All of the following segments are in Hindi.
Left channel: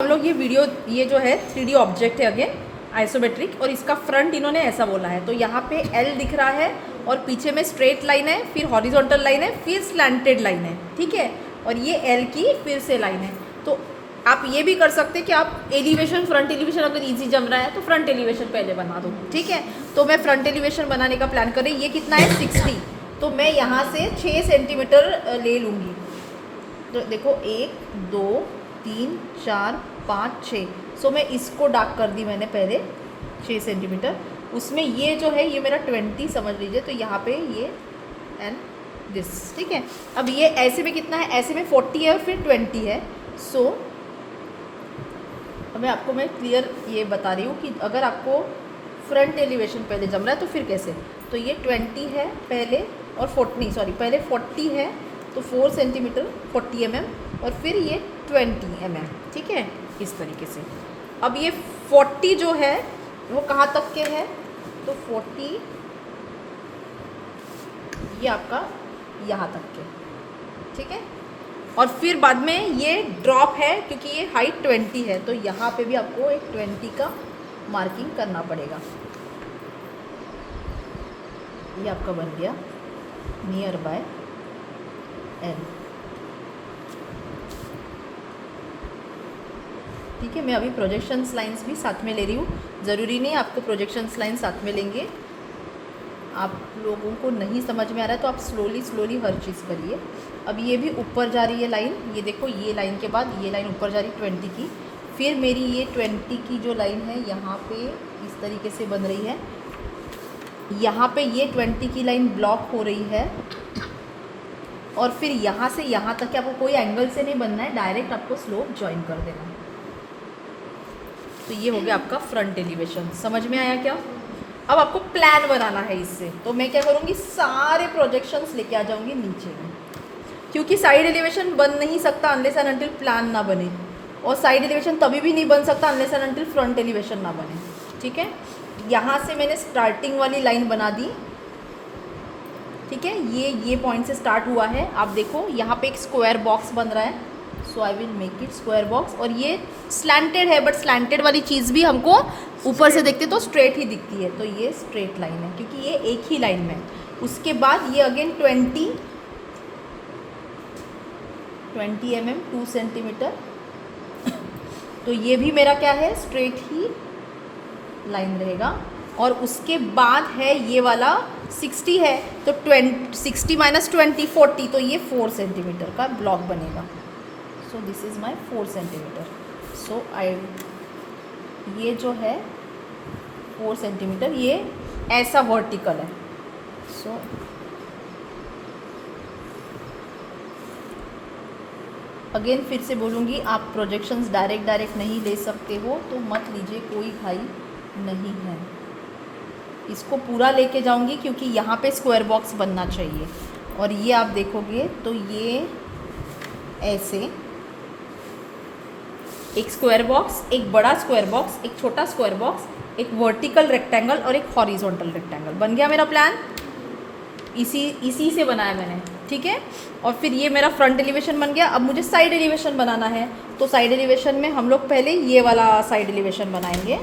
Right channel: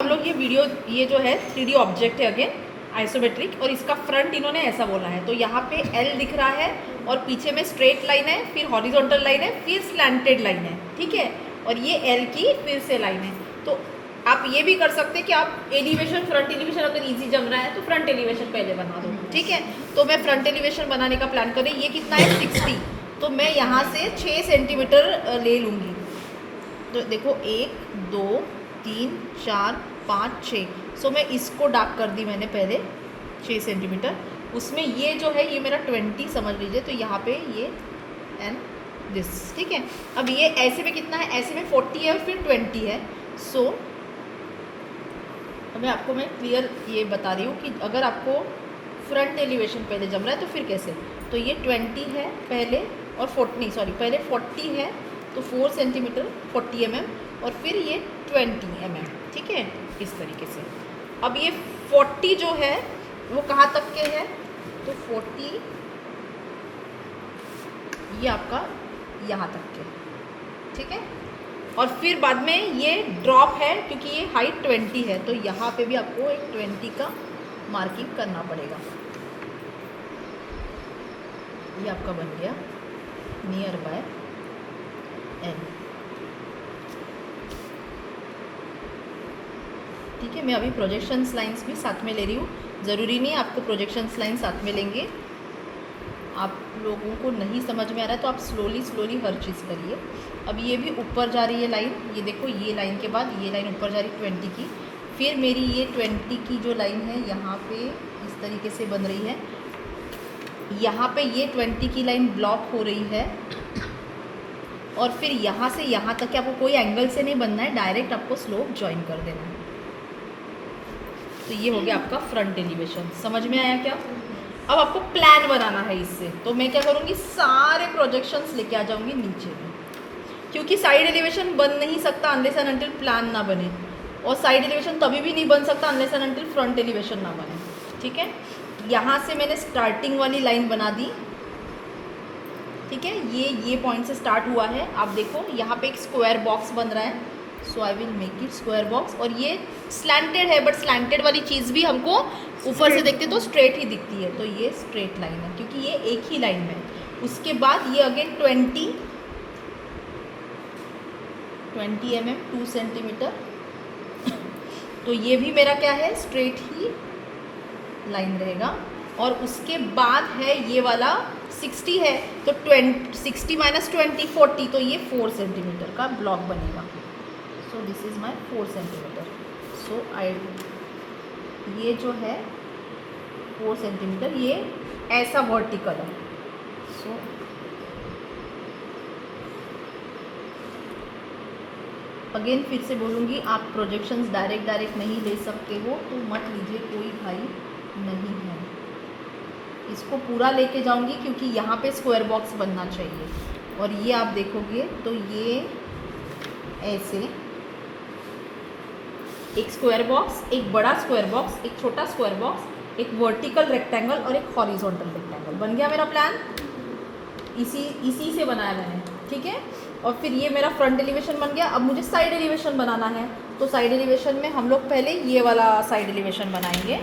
हम लोग ये जो है 3D ऑब्जेक्ट है अगेन आइसोमेट्रिक, और इसका फ्रंट इन्होंने ऐसा बोला है। तो यहाँ पे एल दिख रहा है और पीछे में स्ट्रेट लाइन है, फिर हॉरिजॉन्टल लाइन है, फिर स्लैंटेड लाइन है, ठीक है। और ये एल की फिर से लाइन है। तो आप ये भी कर सकते हैं कि आप एलिवेशन, फ्रंट एलिवेशन अगर इजी जम रहा है तो फ्रंट एलिवेशन पहले बना दो, ठीक है। तो मैं फ्रंट एलिवेशन बनाने का प्लान कर रही। ये कितना है 60, तो मैं यहाँ से 6 सेंटीमीटर ले लूँगी। तो देखो 1 2 3 4 5 6, सो मैं इसको डार्क कर दी मैंने पहले 6 सेंटीमीटर। उसमें ये जो है ये मेरा 20 समझ लीजिए, तो यहाँ पे ये एंड दिस, ठीक है। अब ये ऐसे में कितना है, ऐसे में 40 है और फिर 20 है। सो मैं क्लियर ये बता रही हूँ कि अगर आपको फ्रंट एलिवेशन पहले जम रहा है तो फिर कैसे। तो ये 20 है पहले और 40 पहले 40 है तो 4 सेंटीमीटर 40 mm और फिर ये 20 mm, ठीक है, इस तरीके से। अब ये 40 जो है वो कहाँ तक के है, तो 40 ये आपका यहाँ तक के, ठीक है। और फिर बाद में ये ड्रॉप है क्योंकि ये हाइट 20 है, तो यहाँ पे भी आपको एक 20 का मार्किंग करना पड़ेगा। ये आपका बन गया नियर बाय एन, ठीक है। मैं अभी प्रोजेक्शंस लाइंस भी साथ में ले रही हूँ, ज़रूरी नहीं आपको प्रोजेक्शंस लाइन साथ में लेंगे। आप लोगों को नहीं समझ में आ रहा है तो आप स्लोली हर चीज़ करिए। अब ये भी ऊपर जा रही है लाइन, ये देखो ये लाइन के बाद ये लाइन ऊपर जा रही है 20 की। फिर मेरी ये 20 की जो लाइन है यहाँ पे इस तरीके से बन रही है। यहाँ पे ये 20 की लाइन ब्लॉक हो रही है और फिर यहाँ से यहाँ तक आपको कोई एंगल से नहीं बनना है, डायरेक्ट आपको स्लोप ज्वाइन कर देना है। तो ये हो गया आपका फ्रंट एलिवेशन। समझ में आया क्या? अब आपको प्लान बनाना है इससे, तो मैं क्या करूँगी, सारे प्रोजेक्शंस लेके आ जाऊँगी नीचे में, क्योंकि साइड एलिवेशन बन नहीं सकता अनलेस एंड अनटिल प्लान ना बने, और साइड एलिवेशन तभी भी नहीं बन सकता unless and until front elevation ना बने, ठीक है। यहाँ से मैंने स्टार्टिंग वाली लाइन बना दी, ठीक है। ये पॉइंट से स्टार्ट हुआ है। आप देखो यहाँ पे एक स्क्वायर बॉक्स बन रहा है, so I will make it square box. और ये स्लैंटेड है, बट स्लैंटेड वाली चीज़ भी हमको ऊपर से देखते तो स्ट्रेट ही दिखती है, तो ये स्ट्रेट लाइन है क्योंकि ये एक ही लाइन में। उसके बाद ये अगेन 20 mm 2 सेंटीमीटर, तो ये भी मेरा क्या है, स्ट्रेट ही लाइन रहेगा। और उसके बाद है ये वाला 60 है, तो 60 - 20 40, तो ये 4 सेंटीमीटर का ब्लॉक बनेगा। So this is my 4 centimetre. So ये जो है 4 सेंटीमीटर, ये ऐसा वर्टिकल है। सो अगेन फिर से बोलूँगी, आप प्रोजेक्शंस डायरेक्ट नहीं ले सकते हो तो मत लीजिए, कोई भाई नहीं है। इसको पूरा लेके जाऊँगी क्योंकि यहाँ पे स्क्वायर बॉक्स बनना चाहिए। और ये आप देखोगे तो ये ऐसे एक स्क्वायर बॉक्स, एक बड़ा स्क्वायर बॉक्स, एक छोटा स्क्वायर बॉक्स, एक वर्टिकल रेक्टेंगल और एक हॉरिजॉन्टल रेक्टेंगल बन गया मेरा प्लान। इसी से बनाया मैंने, ठीक है। और फिर ये मेरा फ्रंट एलिवेशन बन गया। अब मुझे साइड एलिवेशन बनाना है, तो साइड एलिवेशन में हम लोग पहले ये वाला साइड एलिवेशन बनाएंगे।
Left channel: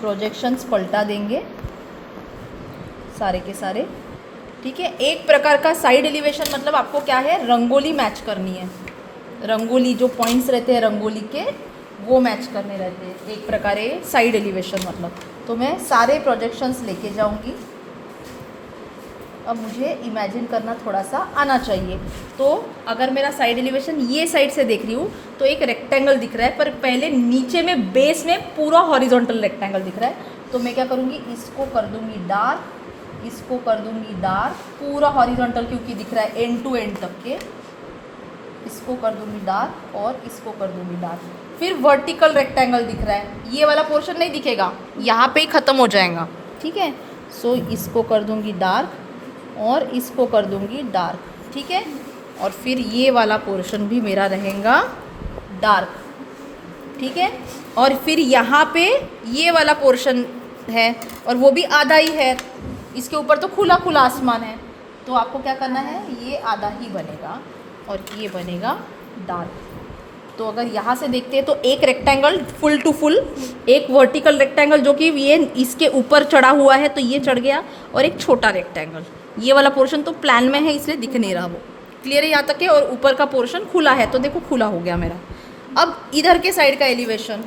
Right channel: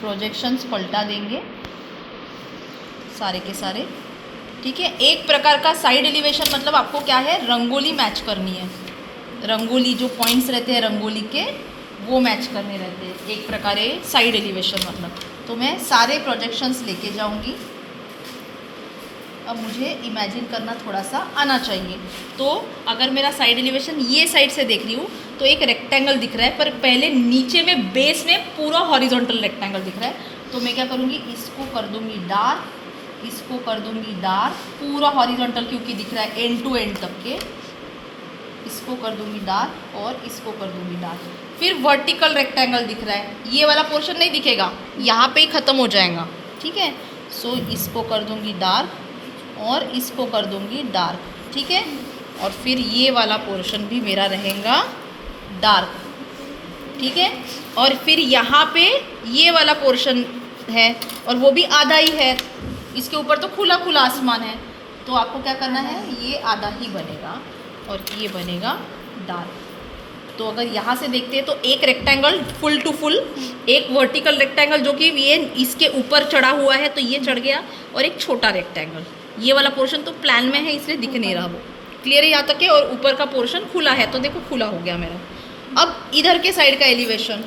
प्रोजेक्शंस पलटा देंगे सारे के सारे, ठीक है। एक प्रकार का साइड एलिवेशन मतलब आपको क्या है, रंगोली मैच करनी है। रंगोली जो पॉइंट्स रहते हैं रंगोली के, वो मैच करने रहते हैं, एक प्रकार साइड एलिवेशन मतलब। तो मैं सारे प्रोजेक्शंस लेके जाऊंगी। अब मुझे इमेजिन करना थोड़ा सा आना चाहिए। तो अगर मेरा साइड एलिवेशन ये साइड से देख रही हूँ तो एक रेक्टेंगल दिख रहा है, पर पहले नीचे में बेस में पूरा हॉरिजॉन्टल रेक्टेंगल दिख रहा है। तो मैं क्या करूँगी, इसको कर दूँगी डार्क, इसको कर दूँगी डार्क, पूरा हॉरिजॉन्टल क्योंकि दिख रहा है एंड टू एंड तक के, इसको कर दूँगी डार्क और इसको कर दूँगी डार्क। फिर वर्टिकल रेक्टेंगल दिख रहा है, ये वाला पोर्शन नहीं दिखेगा, यहाँ पे ही ख़त्म हो जाएगा, ठीक है। सो इसको कर दूँगी डार्क और इसको कर दूँगी डार्क, ठीक है। और फिर ये वाला पोर्शन भी मेरा रहेगा डार्क, ठीक है। और फिर यहाँ पे ये वाला पोर्शन है और वो भी आधा ही है, इसके ऊपर तो खुला खुला आसमान है, तो आपको क्या करना है, ये आधा ही बनेगा और ये बनेगा डार्क। तो अगर यहाँ से देखते हैं तो एक रेक्टेंगल फुल टू फुल, एक वर्टिकल रेक्टेंगल जो कि ये इसके ऊपर चढ़ा हुआ है तो ये चढ़ गया, और एक छोटा रेक्टेंगल। ये वाला पोर्शन तो प्लान में है इसलिए दिख नहीं रहा वो, क्लियर है यहाँ तक के। और ऊपर का पोर्शन खुला है तो देखो खुला हो गया मेरा। अब इधर के साइड का एलिवेशन,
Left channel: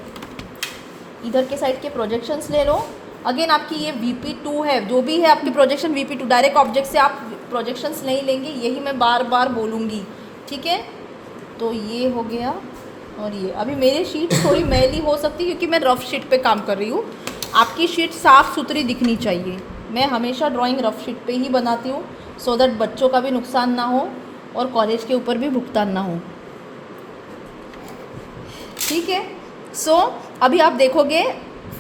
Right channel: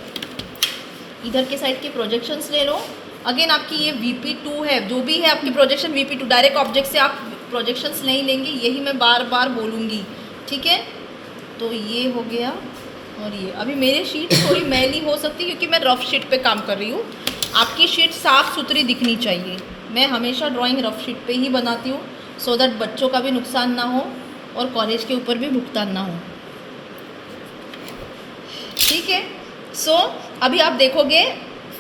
इधर के साइड के प्रोजेक्शंस ले लो। अगेन आपकी ये VP2 है, जो भी है आपकी प्रोजेक्शन VP2, डायरेक्ट ऑब्जेक्ट से आप प्रोजेक्शंस नहीं लेंगे, यही मैं बार बार बोलूँगी, ठीक है। तो ये हो गया, और ये अभी मेरी शीट थोड़ी मैली हो सकती है क्योंकि मैं रफ शीट पे काम कर रही हूँ। आपकी शीट साफ़ सुथरी दिखनी चाहिए। मैं हमेशा ड्राइंग रफ शीट पे ही बनाती हूँ, सो दैट बच्चों का भी नुकसान ना हो और कॉलेज के ऊपर भी भुगतान ना हो, ठीक है। सो अभी आप देखोगे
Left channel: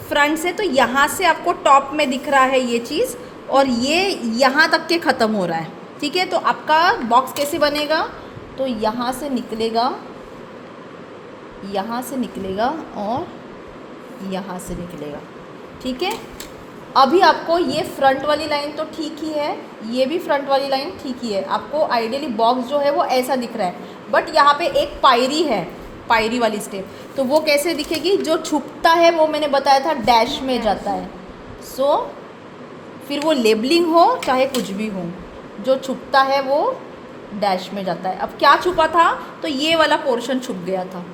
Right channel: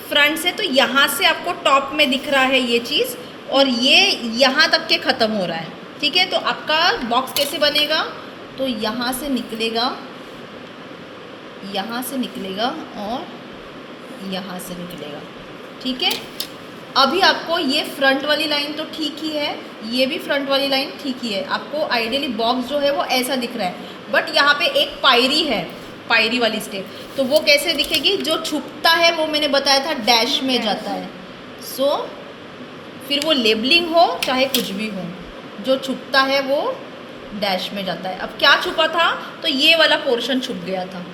फ्रंट से, तो यहाँ से आपको टॉप में दिख रहा है ये चीज़, और ये यहाँ तक के ख़त्म हो रहा है, ठीक है। तो आपका बॉक्स कैसे बनेगा, तो यहाँ से निकलेगा, यहाँ से निकलेगा और यहाँ से निकलेगा, ठीक है। अभी आपको ये फ्रंट वाली लाइन तो ठीक ही है, ये भी फ्रंट वाली लाइन ठीक ही है। आपको आइडियली बॉक्स जो है वो ऐसा दिख रहा है, बट यहाँ पे एक पायरी है, पायरी वाली स्टेप, तो वो कैसे दिखेगी, जो छुपता है वो मैंने बताया था डैश में जाता है। सो फिर वो लेबलिंग हो चाहे कुछ भी हो, जो छुपता है वो डैश में जाता है। अब क्या छुपा था, तो ये वाला पोर्शन छुप गया था,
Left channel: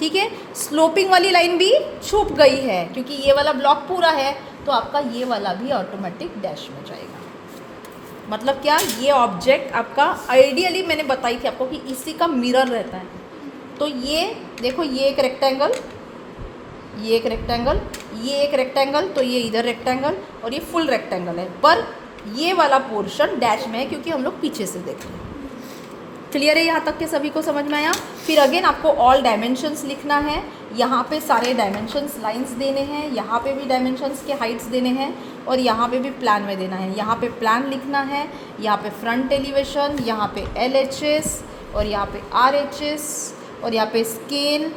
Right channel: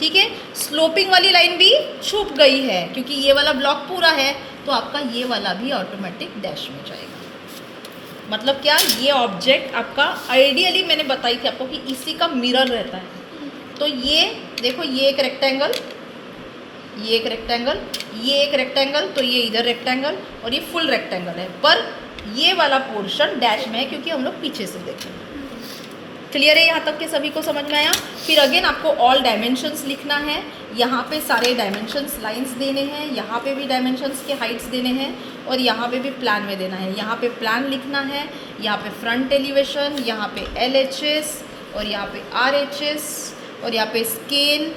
ठीक है। स्लोपिंग वाली लाइन भी छुप गई है क्योंकि ये वाला ब्लॉक पूरा है, तो आपका ये वाला भी ऑटोमेटिक डैश में जाएगा। मतलब क्या, ये ऑब्जेक्ट आपका आइडियली मैंने बताई थी आपको कि इसी का मिरर रहता है। तो ये देखो, ये एक रेक्टेंगल, ये एक रेक्टेंगल, ये एक रेक्टेंगल, तो ये इधर रेक्टेंगल और ये फुल रेक्टेंगल है, पर ये वाला पोर्शन डैश में है क्योंकि हम लोग पीछे से देख रहे हैं। क्लियर है यहाँ तक के सभी को समझ में आया। फिर अगेन आपको ऑल डायमेंशंस लिखना है, यहाँ पे सारे डायमेंशंस लाइंस देने हैं, यहाँ पे भी डायमेंशंस के हाइट्स देने हैं, और यहाँ पे भी प्लान में देना है। यहाँ पे प्लान लिखना है, यहाँ पे फ्रंट एलिवेशन, यहाँ पे LHS और यहाँ पे RHS और यहाँ पे स्केल।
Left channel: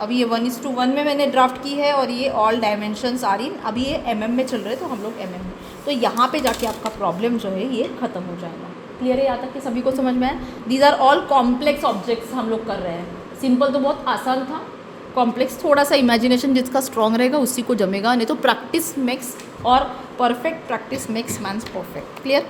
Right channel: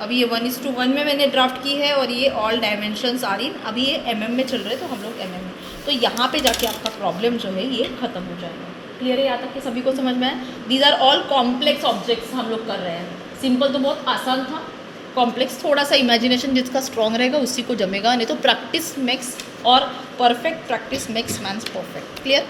अभी ये 1:1 में मैंने ड्राफ्ट की है, और ये ऑल डायमेंशंस आर इन, अभी ये mm में चल रहे, तो हम लोग mm में, तो यहाँ पे जाके आपका प्रॉब्लम जो है ये ख़त्म हो जाएगा। क्लियर है यहाँ तक कि सभी को समझ में आया। These are all complex objects हम लोग कर रहे हैं। सिंपल तो बहुत आसान था, कॉम्प्लेक्स थोड़ा सा इमेजिनेशन जिसका स्ट्रॉन्ग रहेगा उसी को जमेगा, नहीं तो प्रैक्टिस मेक्स, और perfect practice makes mans perfect. Clear.